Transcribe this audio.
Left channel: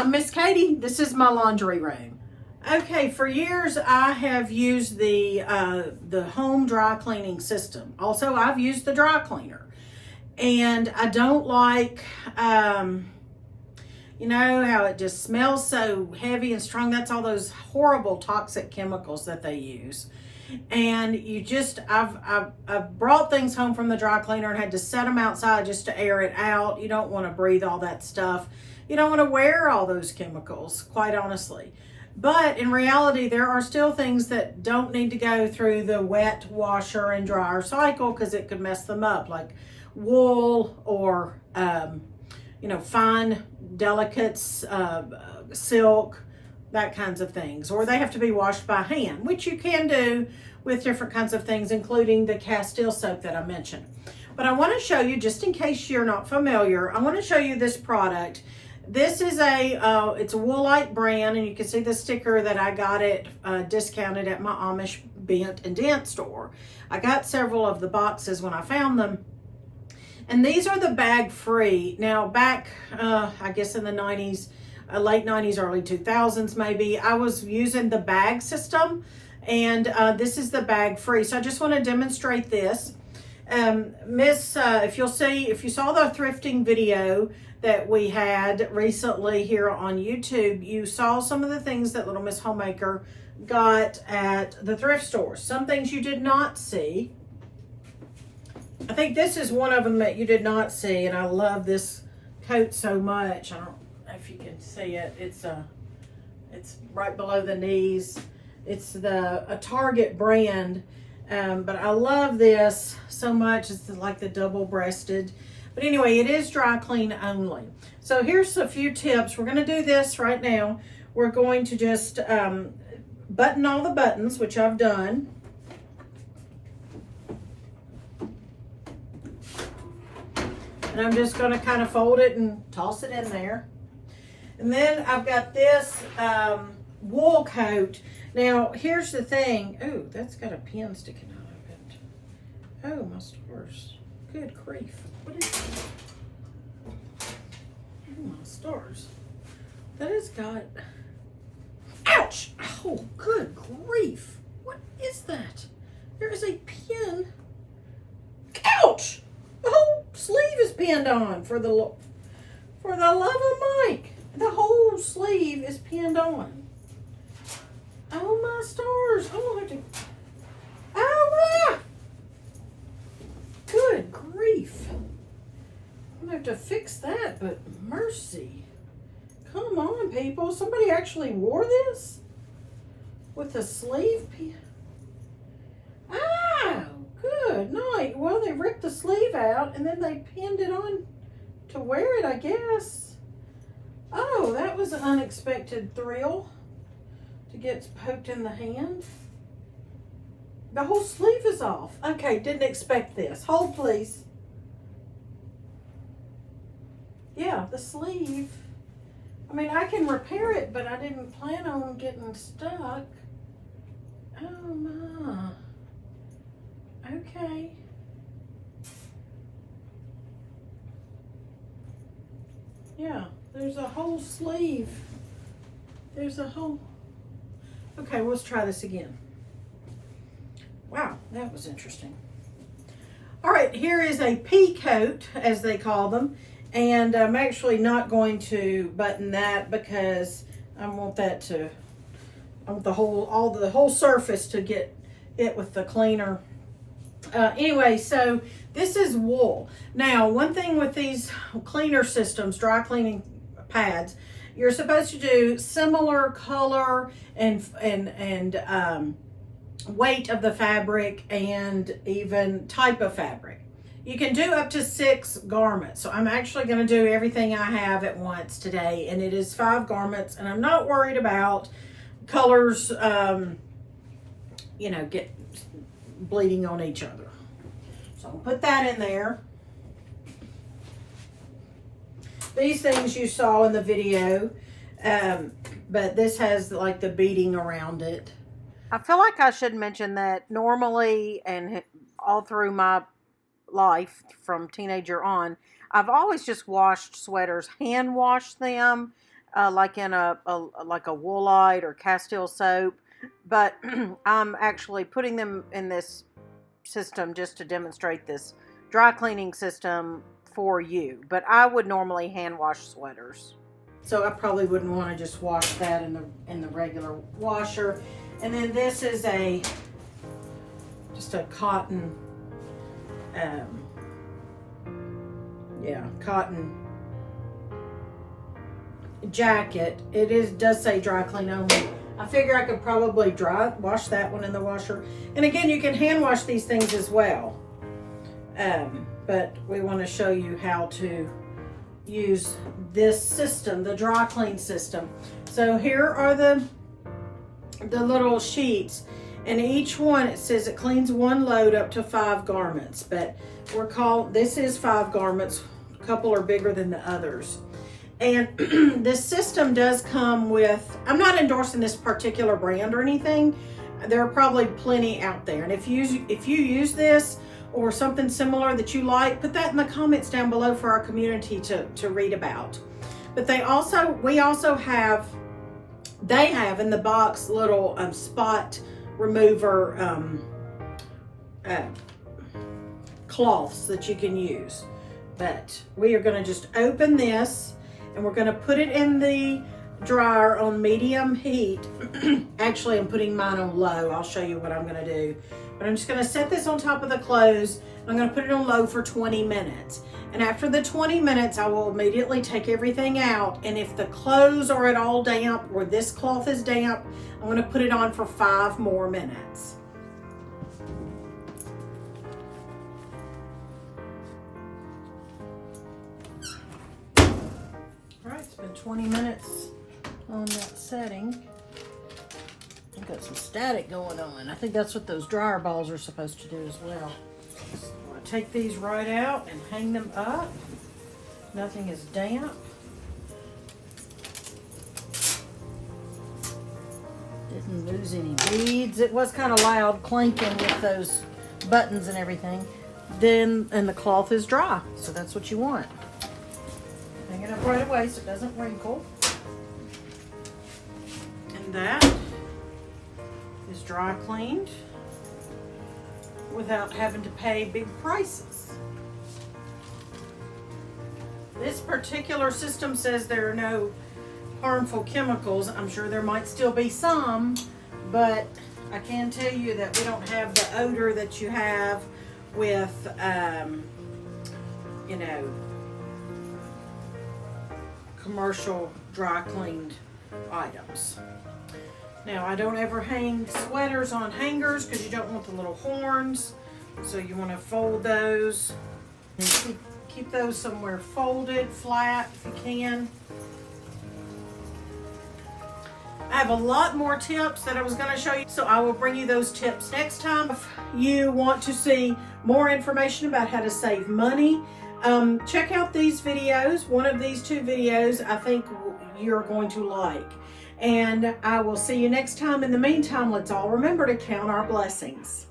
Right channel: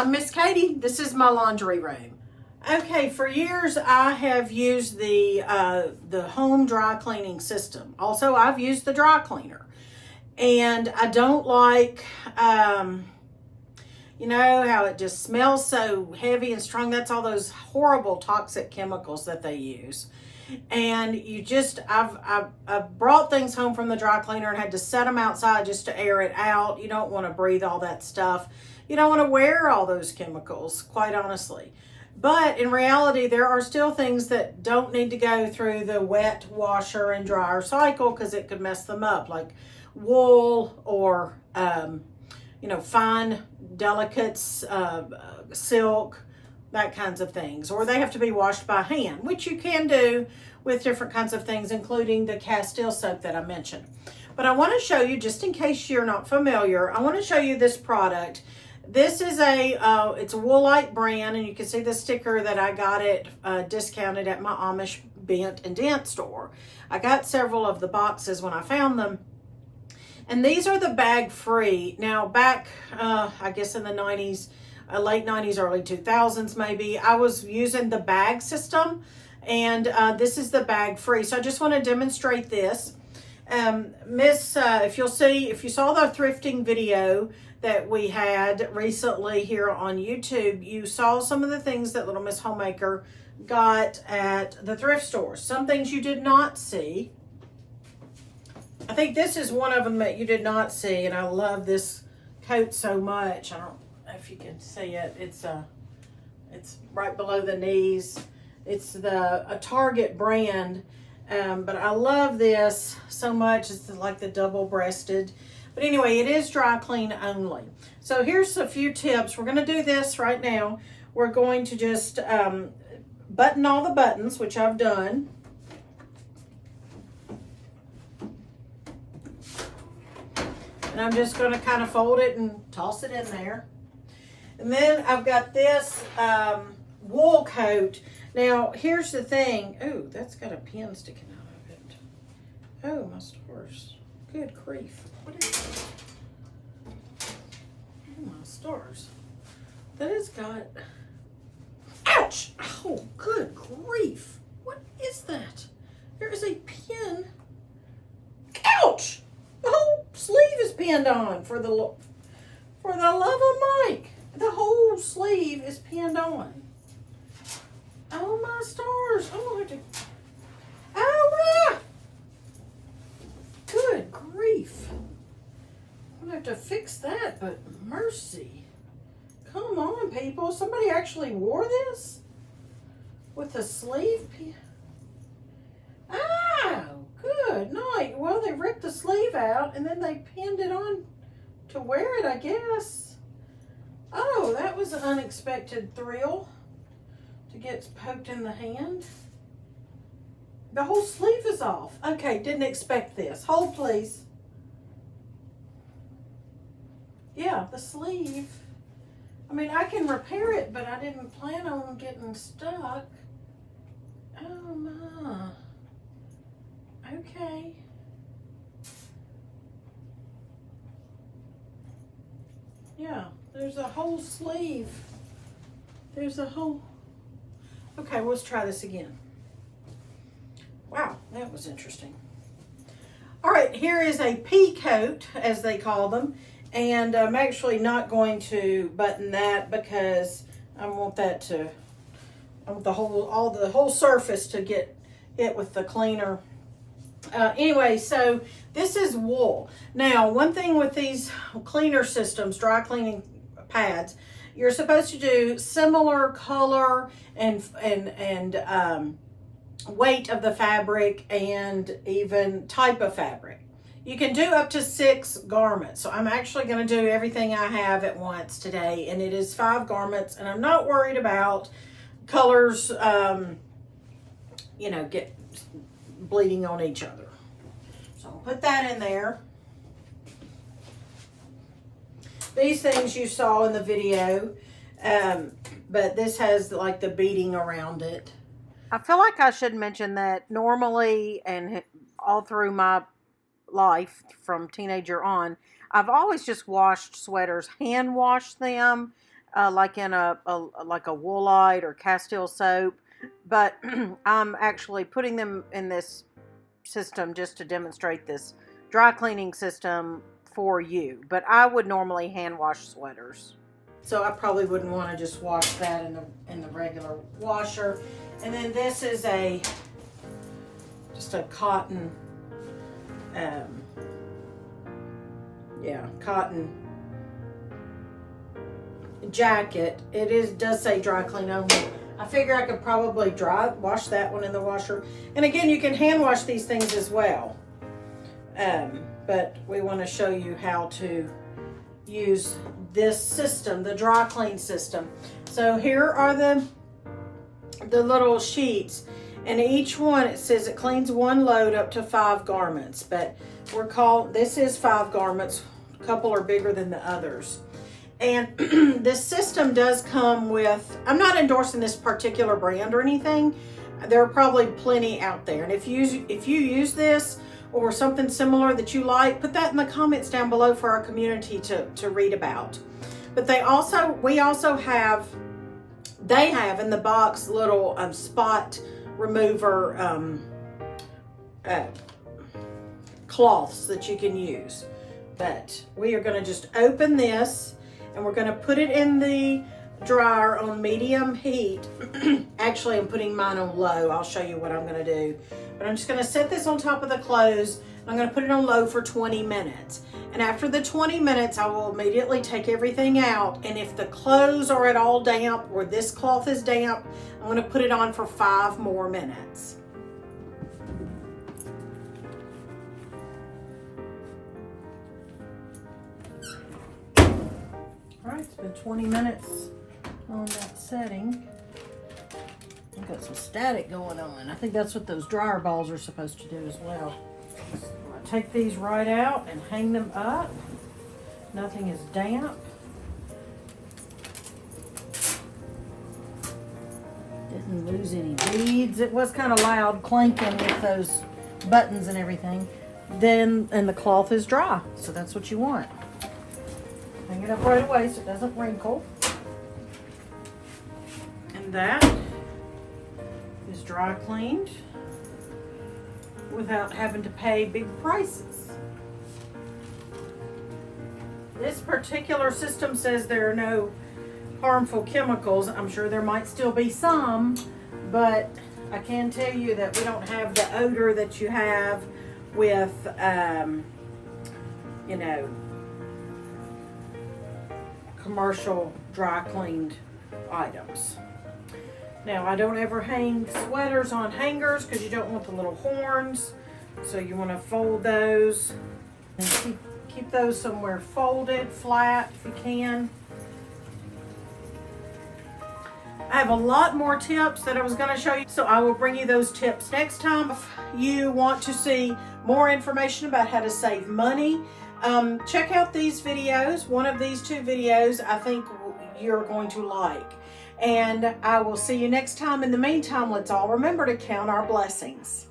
I'm Miss Katie. This is my laundry room. Okay, for years I have used the home dry cleaning system. Also, I've used the dry cleaner. And I don't like, you know, how it just smells so heavy and strong. That's all those horrible toxic chemicals that they use. And you just, I've brought things home from the dry cleaner and had to set them outside just to air it out. You don't want to breathe all that stuff. You don't want to wear all those chemicals, quite honestly. But in reality, there are still things that don't need to go through the wet washer and dryer cycle because it could mess them up, like wool or, you know, fine delicates, silk, that kinds of things. Or they have to be washed by hand, which you can do with different kinds of things, including the Castile soap that I mentioned. But I want to show you, just in case you're not familiar, I want to show you this product. This is it's a Woolite brand, and you can see the sticker that I got it discounted at my Amish Bent and Dent store. I got several of the boxes when I found them. And these are the bag free. Now back, I guess in the 90s, late 90s, early 2000s maybe, I was using the bag system, and this is the bag free. So I just want to demonstrate this. If you saw the thrifting video that we had recently here on YouTube, you saw some of the things that Little Miss Homemaker got at the thrift stores. Some things you did not see. I think this is one of them that you did not see, and I love this coat so much. I don't know if you can see it. It's right below the knees. It's a Target brand, but I love this so much. It's like the double-breasted. But anyway, it is dry clean only. So here's a few tips. We're going to do this right now. We're going to just button all the buttons, which I've done. And I'm just going to kind of fold it and toss it in there. And then I've got this wool coat. Now, here's the thing. Ooh, that's got a pin sticking out of it. Oh, my stars. Good grief. What is that? Oh, my stars. That has got... Ouch! Oh, good grief. What is that? There is a pin. Ouch! The whole sleeve is pinned on for the love of Mike. The whole sleeve is pinned on. Oh my stars! I'm gonna have to. Oh my! Good grief! I'm gonna have to fix that. But mercy! Come on, people! Somebody actually wore this with a sleeve pin. Oh, good night. Well, they ripped the sleeve out and then they pinned it on to wear it, I guess. Oh, that was an unexpected thrill to get poked in the hand. The whole sleeve is off. Okay, didn't expect this. Hold, please. Yeah, the sleeve. I mean, I can repair it, but I didn't plan on getting stuck. Oh, my. Okay. Yeah, there's a whole sleeve. There's a whole... Okay, let's try this again. Wow, that was interesting. All right, here is a pea coat, as they call them. And I'm actually not going to button that because I want that to... I want the whole surface to get hit with the cleaner. Anyway, so this is wool. Now, one thing with these cleaner systems, dry cleaning pads, you're supposed to do similar color and weight of the fabric and even type of fabric. You can do up to 6 garments. So I'm actually going to do everything I have at once today, and it is 5 garments, and I'm not worried about colors, you know, get bleeding on each other. So I'll put that in there. These things you saw in the video, but this has like the beading around it. I feel like I should mention that normally and all through my life from teenager on, I've always just washed sweaters, hand washed them. like in like a Woolite or Castile soap, but I'm actually putting them in this system just to demonstrate this dry cleaning system for you. But I would normally hand wash sweaters, so I probably wouldn't want to just wash that in the regular washer. And then this is just a cotton, cotton jacket. It does say dry clean only. I figure I could probably wash that one in the washer. And again, you can hand wash these things as well. But we want to show you how to use this system, the dry clean system. So here are the little sheets, and each one, it says it cleans one load up to 5 garments, but this is 5 garments. A couple are bigger than the others. And this system does come with, I'm not endorsing this particular brand or anything. There are probably plenty out there. And if you use this or something similar that you like, put that in the comments down below for our community to read about. But they have in the box little spot remover cloths that you can use. But we are going to just open this, and we're going to put it in the dryer on medium heat. Actually, I'm putting mine on low. I'll show you what I'm going to do. But I'm just going to set this on top of the clothes. I'm going to put it on low for 20 minutes. And after the 20 minutes, I will immediately take everything out. And if the clothes are at all damp or this cloth is damp, I'm going to put it on for 5 more minutes. All right, it's been 20 minutes on that setting. I've got some static going on. I think that's what those dryer balls are supposed to do as well. So I take these right out and hang them up. Nothing is damp. Didn't lose any beads. It was kind of loud clanking with those buttons and everything. And the cloth is dry, so that's what you want. Hang it up right away so it doesn't wrinkle. And that is dry cleaned without having to pay big prices. This particular system says there are no harmful chemicals. I'm sure there might still be some, but I can tell you that we don't have the odor that you have with, you know, commercial dry cleaned items. Now, I don't ever hang sweaters on hangers because you don't want the little horns. So you want to fold those and keep those somewhere folded, flat if you can. I have a lot more tips that I was going to show you, so I will bring you those tips next time. If you want to see more information about how to save money, check out these videos. One of these 2 videos I think you're going to like. And I will see you next time. In the meantime, let's all remember to count our blessings.